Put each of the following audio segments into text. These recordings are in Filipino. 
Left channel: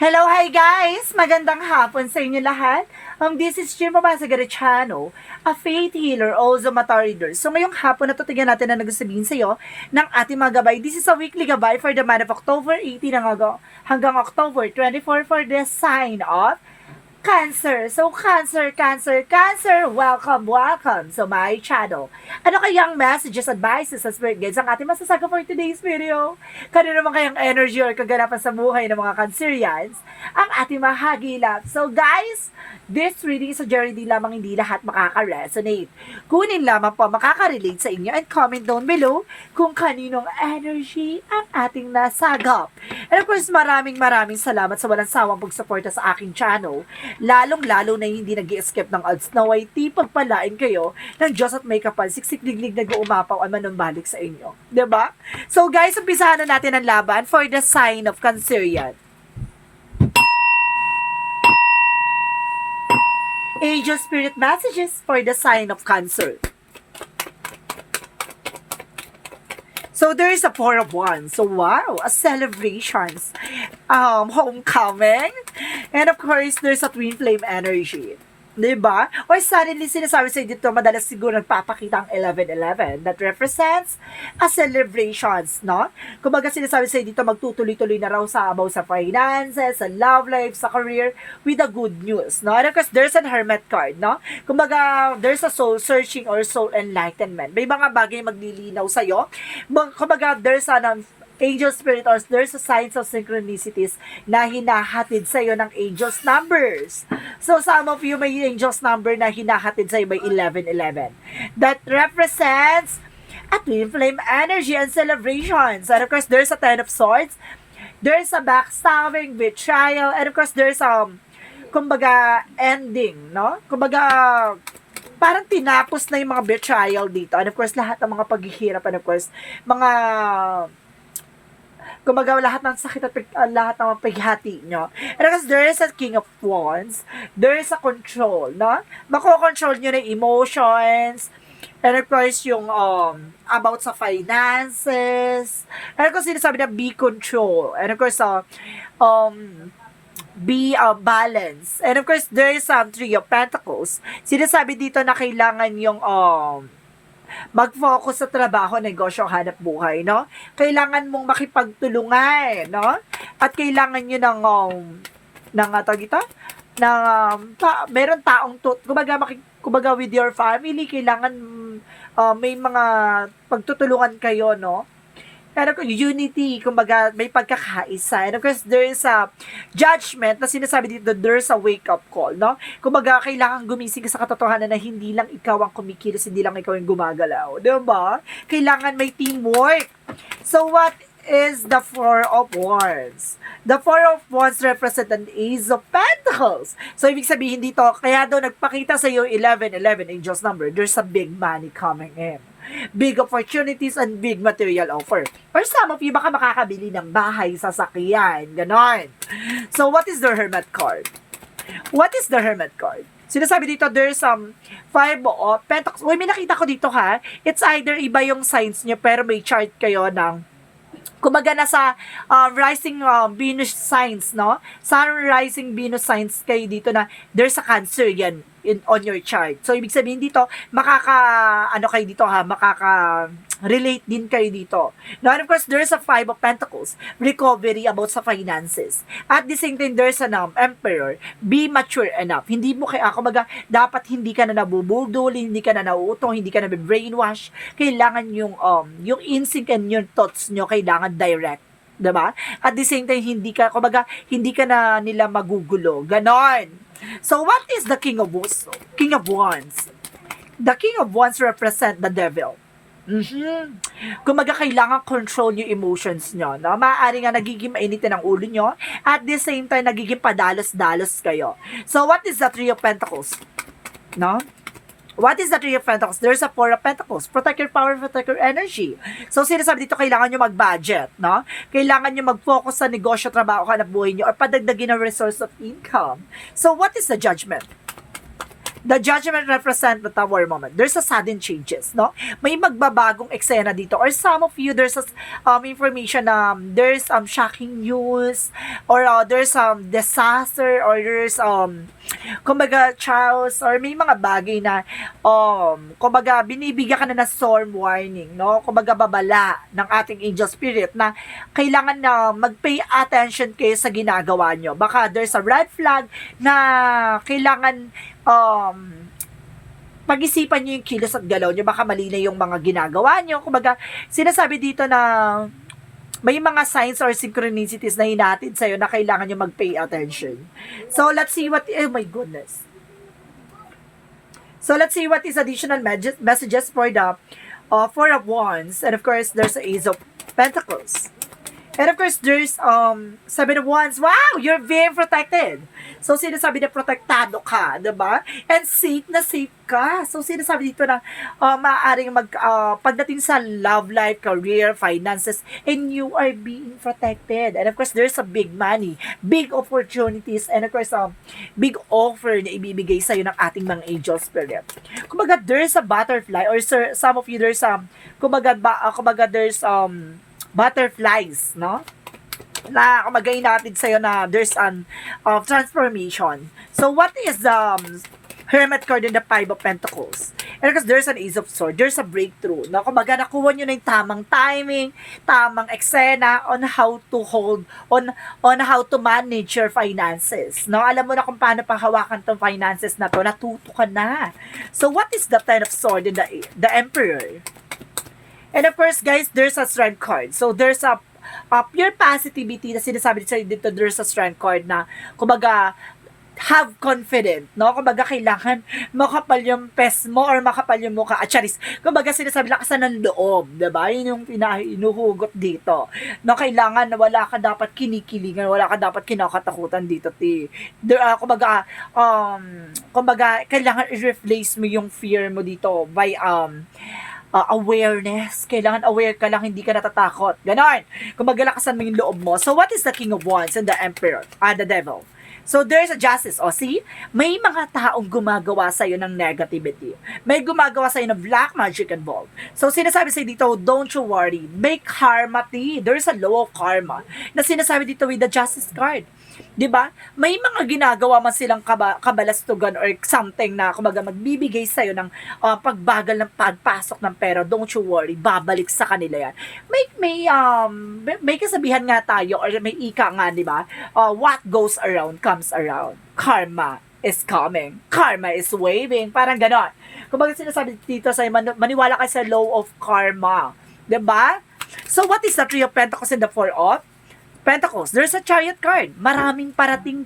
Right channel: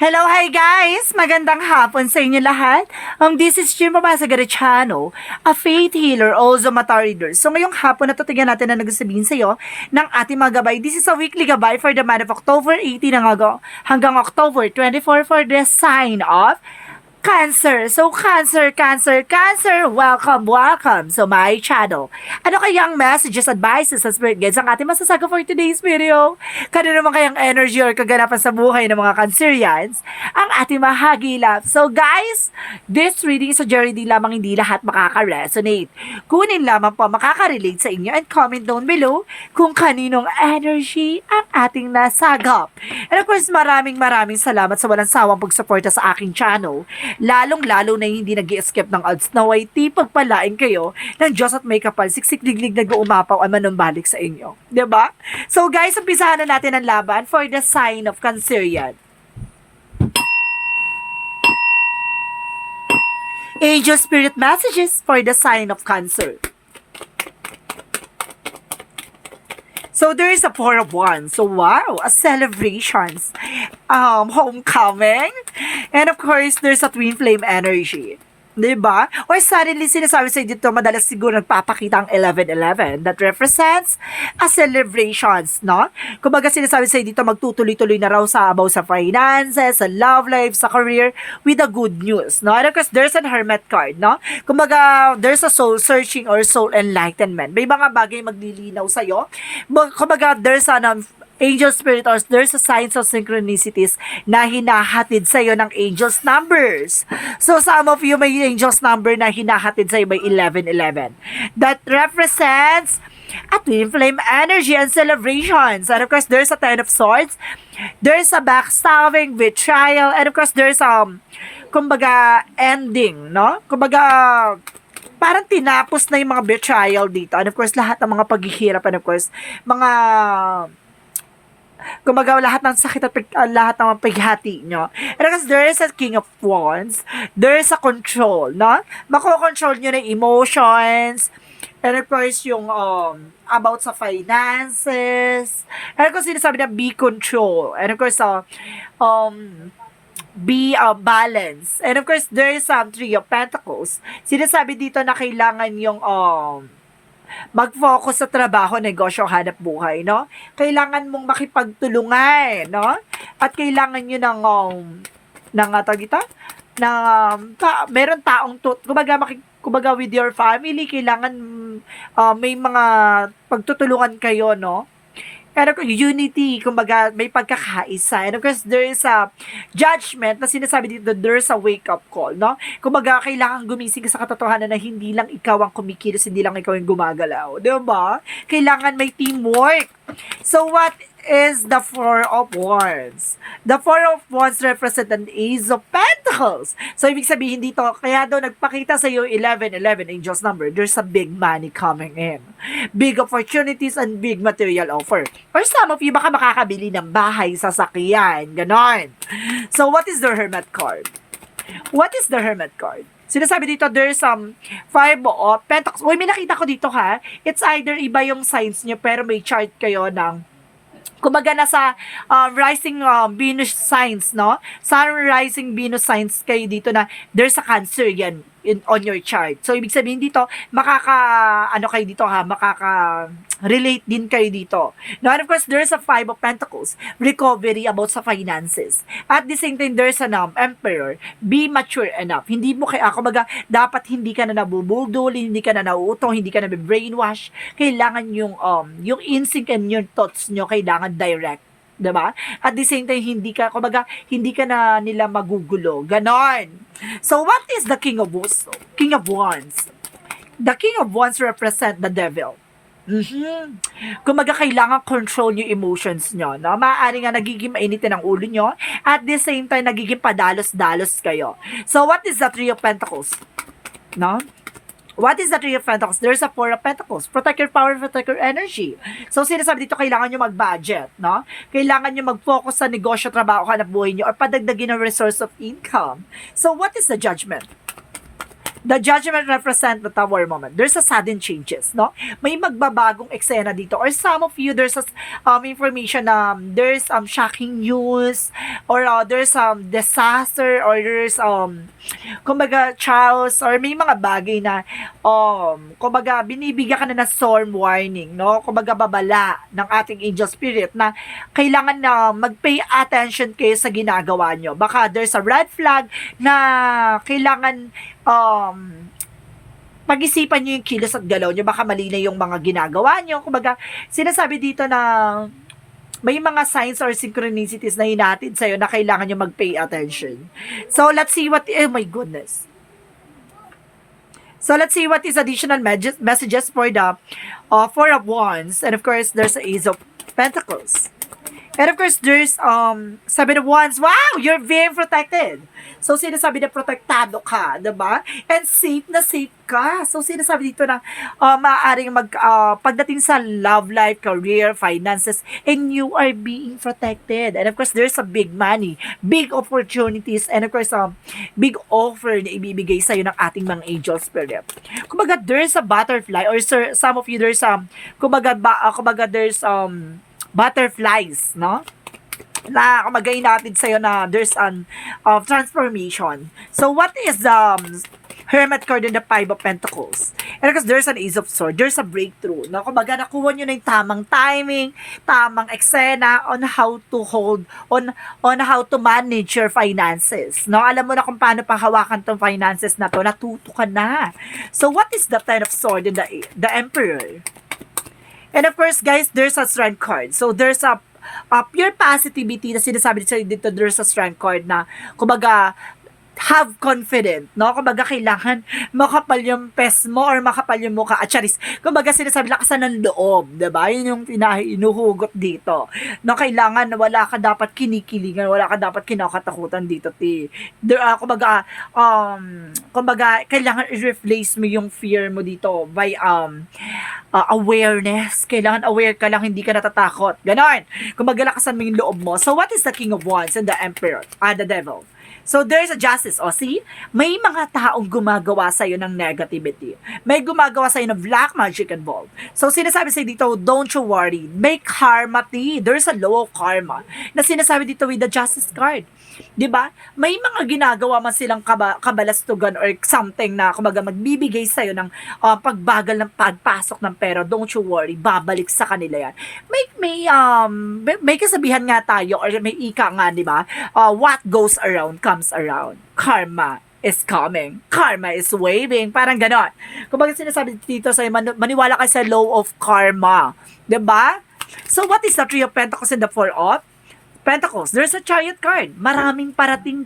Hello, hi guys! Magandang hapon sa inyo lahat. This is Jim Babasagara channel, a faith healer, also mata reader. So ngayong hapon na tingnan natin na nagsasabihin sa iyo ng ating mga gabay. This is a weekly gabay for the month of October 18 hanggang October 24 for the sign of Cancer. So, Cancer, welcome to my channel. Ano kayang messages, advices, and spirit guides ang ating masasagot for today's video? Kano naman kayang energy or kaganapan sa buhay ng mga Cancerians ang ating mahagilap? So, guys, this reading is a journey lamang, hindi lahat makaka-resonate. Kunin lamang po makaka-relate sa inyo and comment down below kung kaninong energy ang ating nasagap. And of course, maraming salamat sa walang sawang pagsuporta sa aking channel. Lalong-lalo na hindi nag-i-escape ng odds na way pagpalain kayo ng Diyos at may kapal, siksik-liglig nag-uumapaw ay manumbalik sa inyo. Diba? So guys, umpisahan na natin ang laban for the sign of Cancerian. Angel Spirit Messages for the sign of Cancer. So there is a Four of Wands. So wow, a celebrations, homecoming, and of course there's a twin flame energy. Diba? Or suddenly, sinasabi sa dito, madalas siguro nagpapakita ang 11-11 that represents a celebrations, no? Kumbaga sinasabi sa dito, magtutuloy-tuloy na raw sa about sa finances, sa love life, sa career, with a good news, no? And of course, there's an hermit card, no? Kumbaga, there's a soul searching or soul enlightenment. May mga bagay maglilinaw sa'yo. Kumbaga, there's an angel spirit or there's a signs of synchronicities na hinahatid sa iyo ng angels numbers. So some of you may angels number na hinahatid sa iyo by 11-11. That represents a twin flame energy and celebrations. And of course, there's a Ten of Swords. There's a backstabbing, betrayal, and of course, there's kumbaga, ending, no? Kumbaga, parang tinapos na yung mga betrayal dito. And of course, lahat ng mga paghihirap, and of course, mga kumbaga lahat ng sakit at lahat ng paghati nyo. And because there is a King of Wands, there is a control, no? Mako-control nyo ng emotions, and of course yung about sa finances, and of course sinasabi na be control, and of course be balance, and of course there is Three of Pentacles. Sinasabi dito na kailangan yung mag-focus sa trabaho, negosyo, hanap buhay, no? Kailangan mong makipagtulungan, no? At kailangan nyo meron taong kumbaga with your family, kailangan may mga pagtutulungan kayo, no? Pero unity, kumbaga may pagkakaisa. And of course, there is a judgment na sinasabi dito, there's a wake-up call, no? Kumbaga, kailangan gumising ka sa katotohanan na hindi lang ikaw ang kumikilos, hindi lang ikaw yung gumagalaw. Diba? Kailangan may teamwork. So, what is the Four of Wands? The Four of Wands represent an Ace of Pentacles. So, ibig sabihin dito, kaya daw nagpakita sa iyo 11-11 angels number, there's a big money coming in. Big opportunities and big material offer. Or some of you, baka makakabili ng bahay, sasakyan, ganon. So, what is the Hermit card? What is the Hermit card? Sinasabi dito, there's Five of Pentacles. Uy, may nakita ko dito ha. It's either iba yung signs nyo, pero may chart kayo ng kumbaga nasa rising Venus signs, no? Sun rising Venus signs kayo dito na there's a Cancer yan on your chart. So, ibig sabihin dito, kayo dito ha, makaka-relate din kayo dito. Now, and of course, there's a Five of Pentacles, recovery about sa finances. At the same time, there's an Emperor, be mature enough. Hindi mo kumbaga, dapat hindi ka na nabubudol, hindi ka na nauutong, hindi ka na brainwash. Kailangan yung instinct and yung thoughts nyo, kailangan direct. Diba? At the same time, hindi ka na nila magugulo. Ganon. So, what is the King of Wands? The King of Wands represent the devil. Kumbaga, kailangan control yung emotions nyo. No? Maaari nga nagiging mainitin ang ulo nyo. At the same time, nagiging padalos-dalos kayo. So, what is the Three of Pentacles? No? What is the Three of Pentacles? There's a Four of Pentacles. Protect your power, protect your energy. So, sinasabi dito, kailangan nyo mag-budget, no? Kailangan nyo mag-focus sa negosyo, trabaho, hanap buhay nyo, or padagdagin ang resource of income. So, what is the Judgment? The judgment represent the tower moment. There's a sudden changes, no? May magbabagong eksena dito. Or some of you, there's information na there's shocking news, or there's disaster, or there's kumbaga chaos, or may mga bagay na kumbaga binibigyan ka na storm warning, no? Kumbaga babala ng ating angel spirit na kailangan na mag-pay attention kayo sa ginagawa nyo. Baka there's a red flag na kailangan pag-isipan nyo yung kilos at galaw nyo, baka mali na yung mga ginagawa nyo. Kumbaga, sinasabi dito na may mga signs or synchronicities na hinatid sa'yo na kailangan nyo mag-pay attention. So, let's see what, oh my goodness. So, let's see what is additional messages for the Four of Wands. And of course, there's the Ace of Pentacles. And of course, there's Seven of Wands. Wow! You're very protected. So, sinasabi na protektado ka, diba? And safe na safe ka. So, sinasabi dito na maaaring pagdating sa love life, career, finances, and you are being protected. And of course, there's a big money, big opportunities, and of course, big offer na ibibigay sa'yo ng ating mga angel spirit. Kumbaga, there's a butterfly, or some of you, there's kumbaga there's butterflies, no? Na kumagay natin sa'yo na there's an transformation. So, what is the Hermit card in the Five of Pentacles? And because there's an Ace of Swords, there's a breakthrough. No? Kumbaga, nakuha nyo na yung tamang timing, tamang eksena on how to hold, on how to manage your finances. No? Alam mo na kung paano panghawakan tong finances na to, natuto ka na. So, what is the Ten of Swords in the Emperor? And of course, guys, there's a Strength card. So, there's a pure positivity na sinasabi dito, there's a Strength card na, kumbaga, have confident, no? Kumbaga, kailangan makapal yung pes mo or makapal yung mukha. At charis, kumbaga, sinasabi, lakasan ng loob, diba? Yun yung inuhugot dito. No, kailangan na wala ka dapat kinikilingan, wala ka dapat kinakatakutan dito, kumbaga, kailangan i-replace mo yung fear mo dito by, awareness. Kailangan aware ka lang, hindi ka natatakot. Ganon. Kung magalakasan mo yung loob mo. So, what is the King of Wands and the Emperor? The Devil. So, there's a justice. O, see? May mga taong gumagawa sa'yo ng negativity. May gumagawa sa'yo ng black magic involved. So, sinasabi sa'yo dito, don't you worry. May karma, there's a law of karma na sinasabi dito with the justice card. 'Di ba? May mga ginagawa man silang kabalastugan or something na kumbaga magbibigay sa iyo ng pagbagal ng pagpasok ng pera. Don't you worry, babalik sa kanila 'yan. May kasabihan nga tayo or may ika nga, 'di ba? What goes around comes around. Karma is coming. Karma is waving. Parang gano'n. Kumbaga sinasabi dito sa maniwala ka sa law of karma. 'Di ba? So what is the Three of Pentacles and the Four of Pentacles? There's a Chariot card. Maraming parating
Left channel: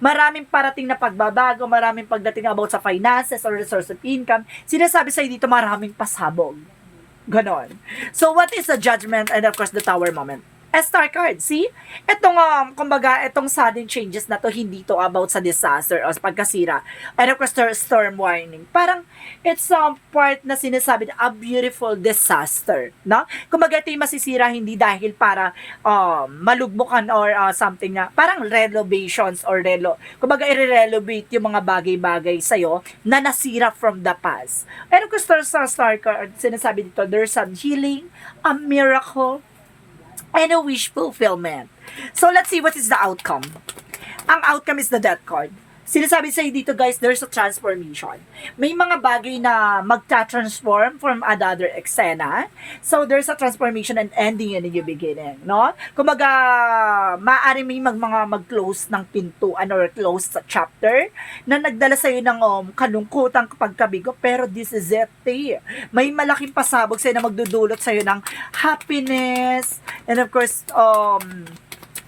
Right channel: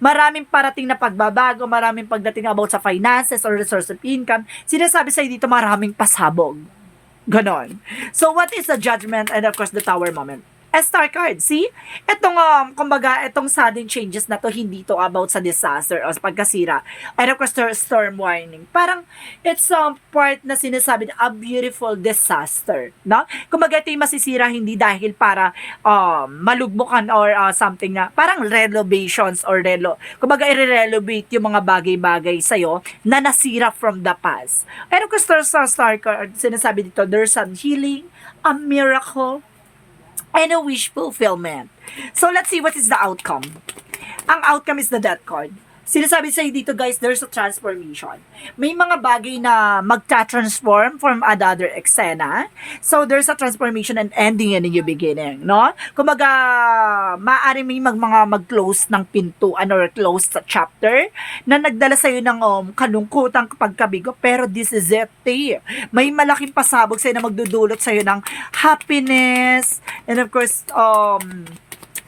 Maraming parating na pagbabago, maraming pagdating about sa finances or resource of income. Sinasabi sa'yo dito, maraming pasabog. Ganon. So, what is the Judgment and of course the Tower moment? Star card, see? Itong, kumbaga, itong sudden changes na to, hindi to about sa disaster o sa pagkasira. And of course, storm warning. Parang, it's part na sinasabi na a beautiful disaster, no? Kumbaga, ito yung masisira hindi dahil para malugbukan or something na, parang renovations or kumbaga, i-renovate yung mga bagay-bagay sa'yo na nasira from the past. And of course, there's a star card, sinasabi dito, there's some healing, a miracle, and a wish fulfillment. So, let's see what is the outcome. Ang outcome is the Death card. Sinasabi sa'yo dito, guys, there's a transformation. May mga bagay na magta-transform from another eksena. So, there's a transformation and ending and a new beginning, no? Kumbaga, maaaring may mag-close ng pintuan or close sa chapter na nagdala sa'yo ng kalungkutang pagkabigo, pero this is it, May malaking pasabog sa'yo na magdudulot sa'yo ng happiness, and of course,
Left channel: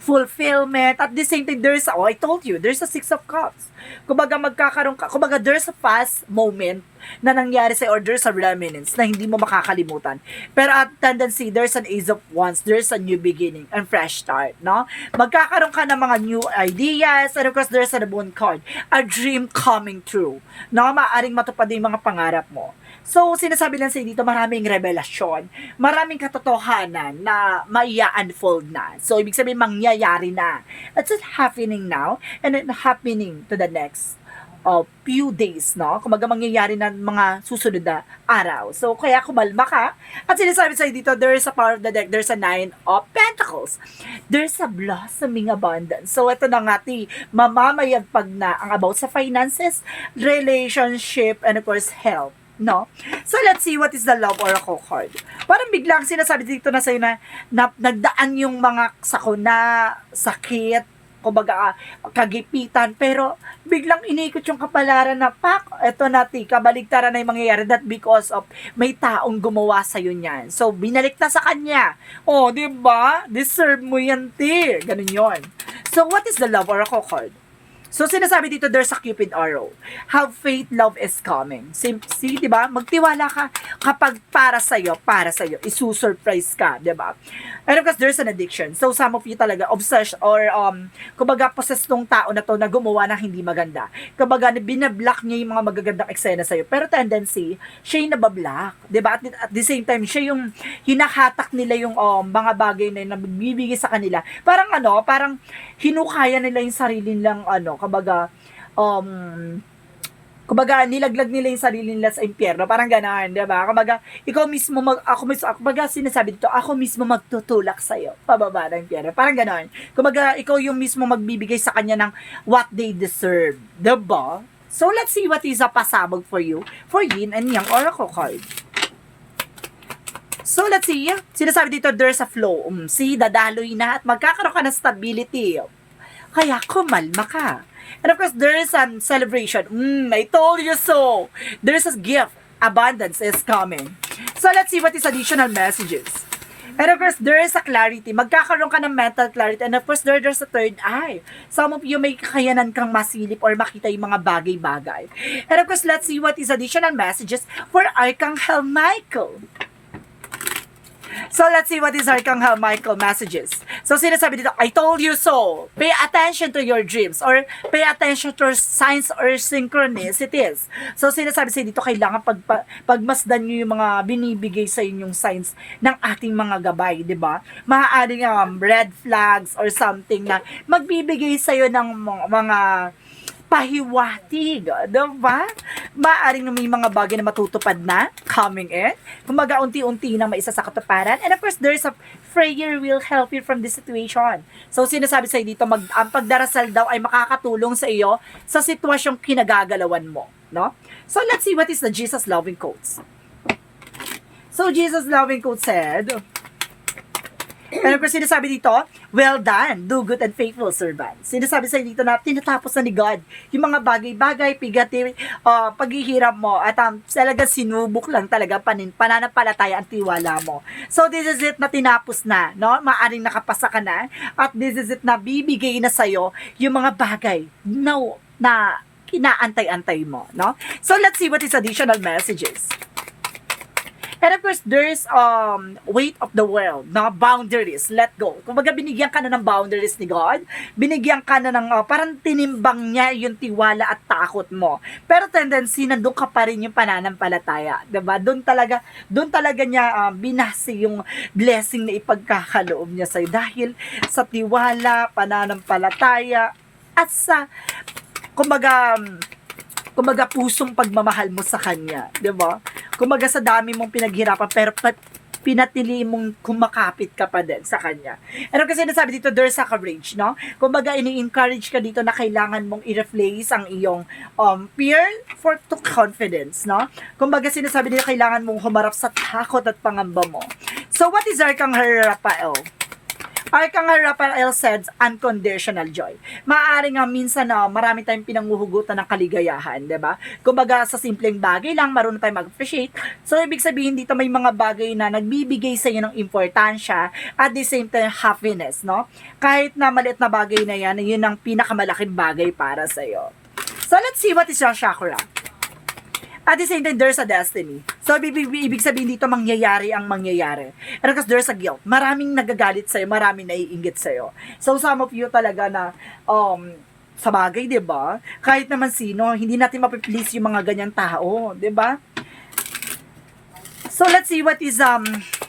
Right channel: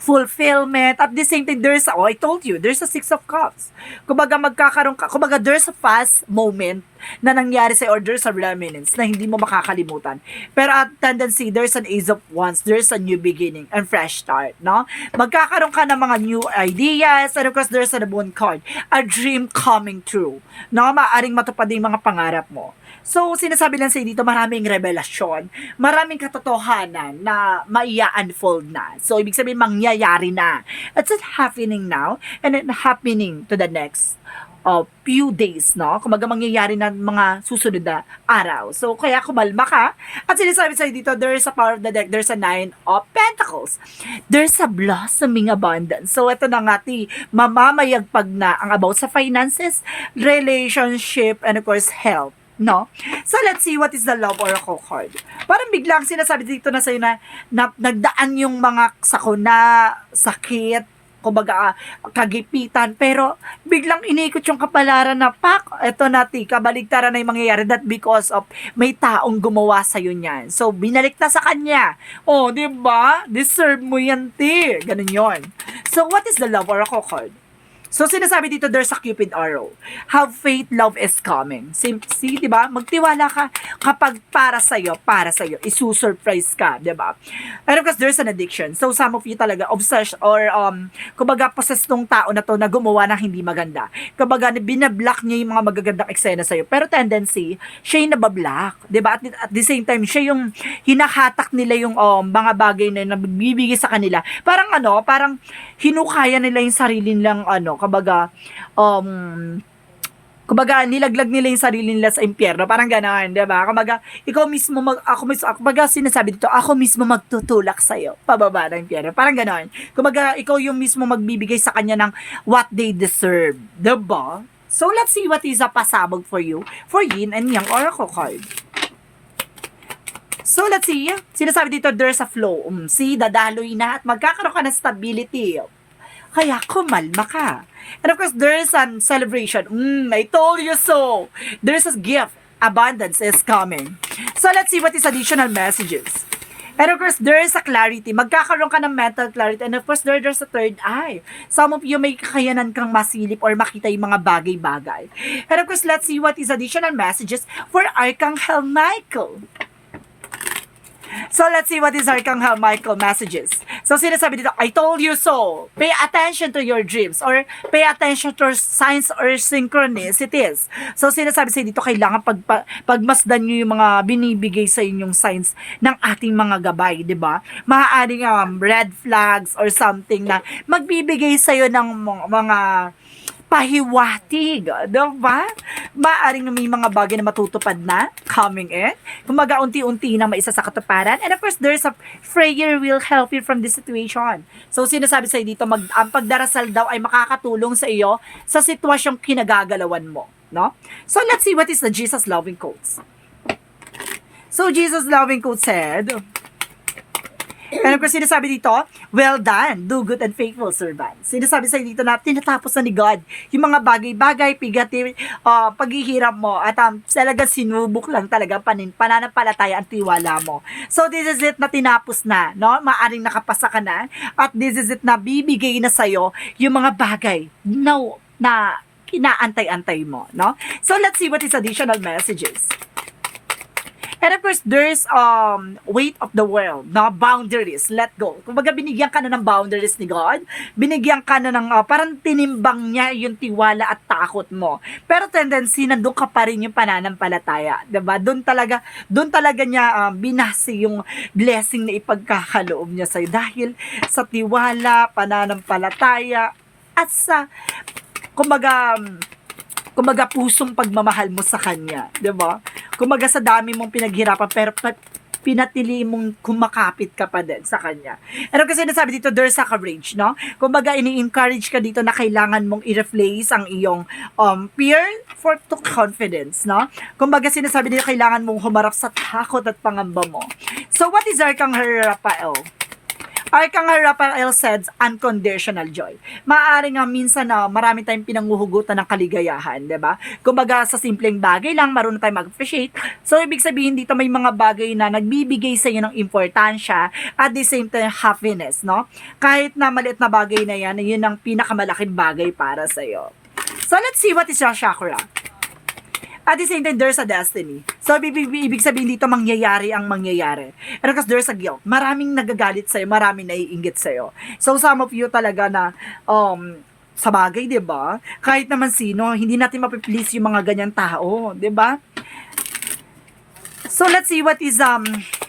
fulfillment. At the same time, I told you, there's a Six of Cups. Kumbaga, there's a fast moment na nangyari sa or there's a remnants na hindi mo makakalimutan. Pero at tendency, there's an Ace of Wands, there's a new beginning and fresh start, no? Magkakaroon ka ng mga new ideas, and of course, there's a Moon card, a dream coming true, no? Maaring matupad yung mga pangarap mo. So, sinasabi lang sa dito, maraming revelasyon, maraming katotohanan na maia-unfold na. So, ibig sabihin, mangyayari na. It's not happening now, and then happening to the next few days, no? Kumbaga mangyayari na mga susunod na araw. So, kaya kumalma ka. At sinasabi sa'yo dito, there's a power of the deck, there's a 9 of Pentacles. There's a blossoming abundance. So, ito na nga, mamamayagpag na ang about sa finances, relationship, and of course, health. No? So, let's see what is the love oracle card. Parang biglang sinasabi dito na sa'yo na nagdaan yung mga sakuna, sakit, kumbaga kagipitan, pero biglang iniikot yung kapalaran na eto na kabaligtaran na yung mangyayari, that because of may taong gumawa sa'yo niyan. So, binalik na sa kanya. Oh, di ba? Deserve mo yan, ganun yon. So, what is the love oracle card? So, sinasabi dito, there's a Cupid arrow. Have faith, love is coming. See, di ba? Magtiwala ka kapag para sa'yo, isusurprise ka, di ba? And of course, there's an addiction. So, some of you talaga, obsessed or, kumbaga, possessed tong tao na to na gumawa ng hindi maganda. Kumbaga, binablock niya yung mga magagandang eksena sa'yo. Pero tendency, siya yung nabablock. Di ba? At the same time, siya yung hinahatak nila yung mga bagay na nagbibigay sa kanila. Parang hinukaya nila yung sarili nilang kumbaga nilaglag nila yung sarili nila sa impyerno, parang gano'n, 'di ba? Kumbaga ikaw mismo kumbaga sinasabi dito, ako mismo magtutulak sa iyo pababa ng impyerno, parang gano'n. Kumbaga ikaw yung mismo magbibigay sa kanya ng what they deserve, 'di ba? So let's see what is a pasabog for you for Yin and Yang oracle card. So, let's see. Sinasabi dito, there's a flow. See, dadaloy na at magkakaroon ka ng stability. Kaya kumalma ka. And of course, there's a celebration. I told you so. There's a gift. Abundance is coming. So, let's see what is additional messages. And of course, there is a clarity. Magkakaroon ka ng mental clarity. And of course, there's a third eye. Some of you may kakayanan kang masilip or makita yung mga bagay-bagay. And of course, let's see what is additional messages for Archangel Michael. So, let's see what is Archangel Michael messages. So, sinasabi dito, I told you so. Pay attention to your dreams or pay attention to signs or synchronicities. So, sinasabi sa dito, kailangan pagmasdan nyo yung mga binibigay sa inyong signs ng ating mga gabay, di ba? Maaaring red flags or something na magbibigay sa'yo ng mga pahiwatig, diba? Maaring may mga bagay na matutupad na coming in. Kumaga unti-unti na maisa sa katuparan. And of course, there's a prayer will help you from this situation. So, sinasabi sa'yo dito, ang pagdarasal daw ay makakatulong sa iyo sa sitwasyong kinagagalawan mo. No? So, let's see what is the Jesus loving quotes. So, Jesus loving quote said, and of course, sinasabi dito, well done, do good and faithful servant. Sinasabi sa dito na tinatapos na ni God yung mga bagay-bagay, paghihirap mo at talaga sinubok lang talaga pananampalataya ang tiwala mo. So this is it na tinapos na, no? Maaring nakapasa ka na at this is it na bibigay na sa'yo yung mga bagay na kinaantay-antay mo, no? So let's see what is additional messages. And of course, there's weight of the world, no? Boundaries, let go. Kumbaga, binigyan ka na ng boundaries ni God, binigyan ka na ng, parang tinimbang niya yung tiwala at takot mo. Pero tendency, nandun ka pa rin yung pananampalataya, diba? Doon talaga niya binasi yung blessing na ipagkakaloob niya sa'yo dahil sa tiwala, pananampalataya, at sa, kumbaga, pusong pagmamahal mo sa Kanya, di ba? Kumbaga sa dami mong pinaghirapan, pero pinatili mong kumakapit ka pa din sa Kanya. Ano kasi nasabi dito, there's a courage, no? Kumbaga, ini-encourage ka dito na kailangan mong i-replace ang iyong fear to confidence, no? Kumbaga, sinasabi dito, kailangan mong humarap sa takot at pangamba mo. So, what is Archangel Raphael? Archangel Raphael says, unconditional joy. Maaari nga minsan na marami tayong pinanguhugutan ng kaligayahan, di ba? Kumbaga sa simpleng bagay lang, marunong tayong mag-appreciate. So, ibig sabihin dito may mga bagay na nagbibigay sa iyo ng importansya at the same time happiness, no? Kahit na maliit na bagay na yan, yun ang pinakamalaking bagay para sa iyo. So, let's see what is your chakra. At the same time, there's a destiny. So, ibig sabihin dito, mangyayari ang mangyayari. And because there's a guilt. Maraming nagagalit sa'yo, maraming naiinggit sa'yo. So, some of you talaga na, sa bagay, di ba? Kahit naman sino, hindi natin mapiplease yung mga ganyang tao, di ba? So, let's see what is,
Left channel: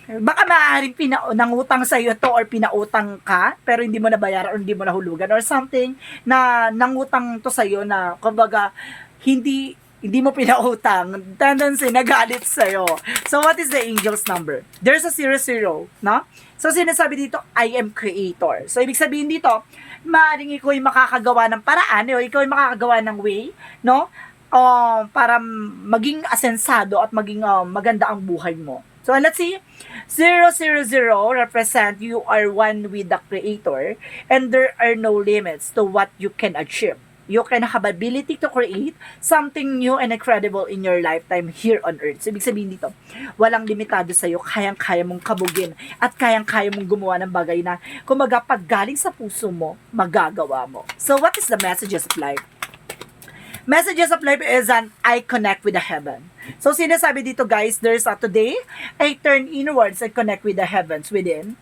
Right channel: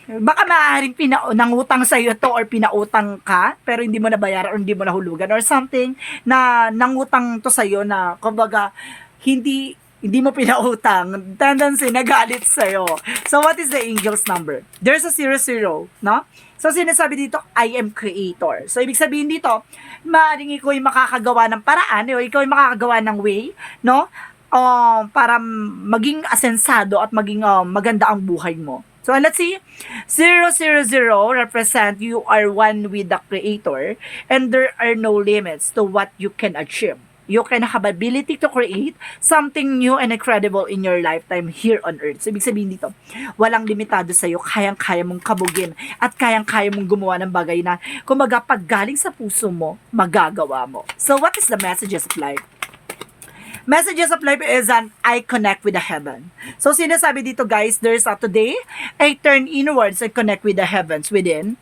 Baka maaaring nangutang sa iyo to or pinautang ka pero hindi mo nabayaran or hindi mo nahulugan or something na nangutang to sa iyo na kumbaga hindi mo pinautang, tendency nagalit sa iyo. So what is the angel's number? There's a 00, no? So sinasabi dito, I am creator. So ibig sabihin dito, maaaring ikaw ay makakagawa ng paraan o ikaw ay makakagawa ng way, no? Para maging asensado at maging maganda ang buhay mo. So let's see, 000 represent you are one with the Creator and there are no limits to what you can achieve. You can have ability to create something new and incredible in your lifetime here on earth. So, ibig sabihin dito, walang limitado sa'yo, kayang-kaya mong kabugin at kayang-kaya mong gumawa ng bagay na kumaga pag galing sa puso mo, magagawa mo. So, what is the messages of life? Messages of life is an I connect with the heaven. So sinasabi dito guys, there's a today, I turn inwards and connect with the heavens within.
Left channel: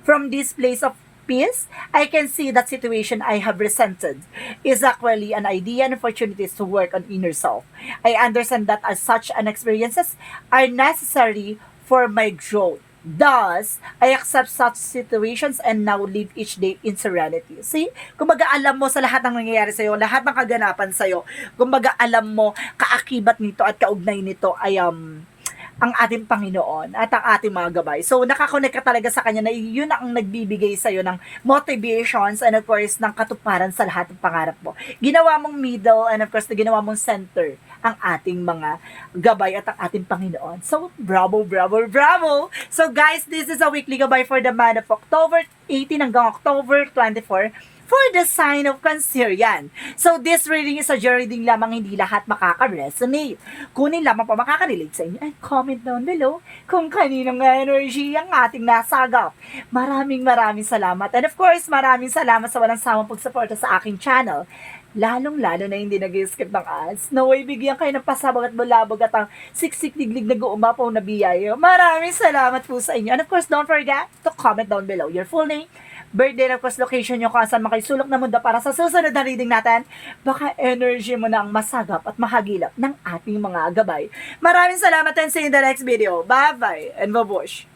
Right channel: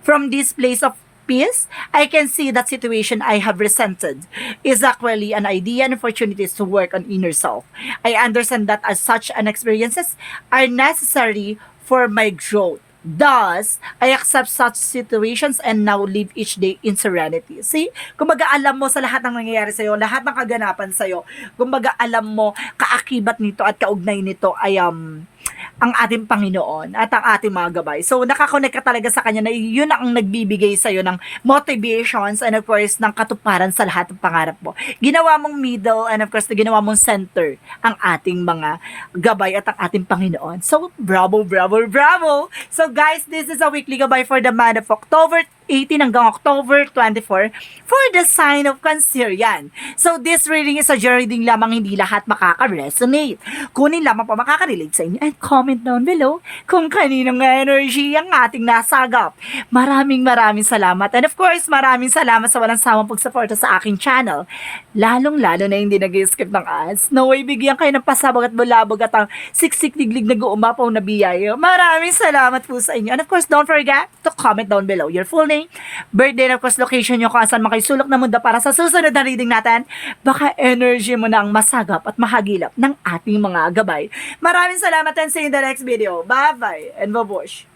From this place of peace, I can see that situation I have resented is actually an idea and opportunities to work on inner self. I understand that as such an experiences are necessary for my growth. Thus, I accept such situations and now live each day in serenity. See? Kumbaga alam mo sa lahat ng nangyayari sa'yo, lahat ng kaganapan sa'yo, kumbaga alam mo, kaakibat nito at kaugnay nito ay ang ating Panginoon at ang ating mga gabay. So, nakakonect ka talaga sa Kanya na yun ang nagbibigay sa'yo ng motivations and of course, ng katuparan sa lahat ng pangarap mo. Ginawa mong middle and of course, ginawa mong center ang ating mga gabay at ang ating Panginoon. So, bravo, bravo, bravo! So, guys, this is a weekly gabay for the month of October 18 hanggang October 24 for the sign of Cancer yan. So, this reading is a reading lamang, hindi lahat makaka-resonate. Kunin lamang pa makaka-relate sa inyo and comment down below kung kaninong energy ang ating nasagap. Maraming salamat. And of course, maraming salamat sa walang sawang pagsuporta sa aking channel. Lalong-lalo na hindi nag-skip ng ads. No way, bigyan kayo ng pasabog at bulabog at ang siksik-liglig na guumapaw na biyaya. Maraming salamat po sa inyo. And of course, don't forget to comment down below your full name, birthday, and of course, location nyo kung saan makaisulok na mundo para sa susunod na reading natin. Baka energy mo na ang masagap at mahagilap ng ating mga gabay. Maraming salamat and see you in the next video. Bye-bye and babush!